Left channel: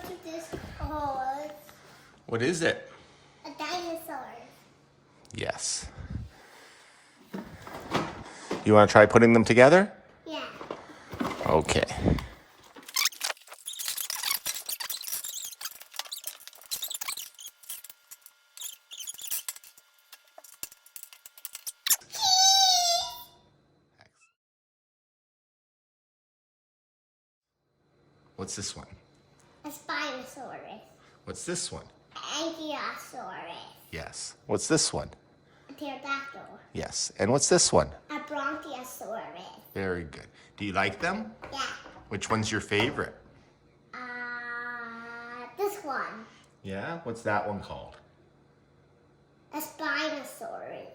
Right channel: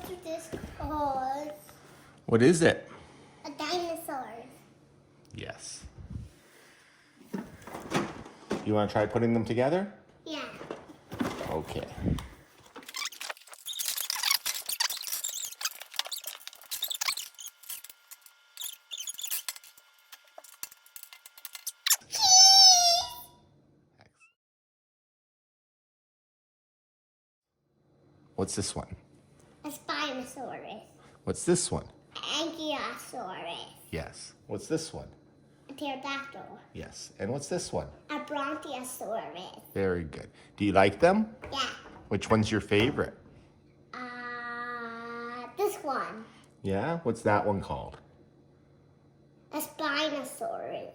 What is this called? What is it? A dinosaur. Yes. You want to try putting them together? Yeah. Okay. What's this one? A Spinosaurus. What's this one? Ankylosaurus. Yes. What's this one? A pterodactyl. Yes. And what's this one? A Brontosaurus. Very good. Do you like them? Yeah. Which one's your favorite? This one. Yeah? What's that one called? A Spinosaurus.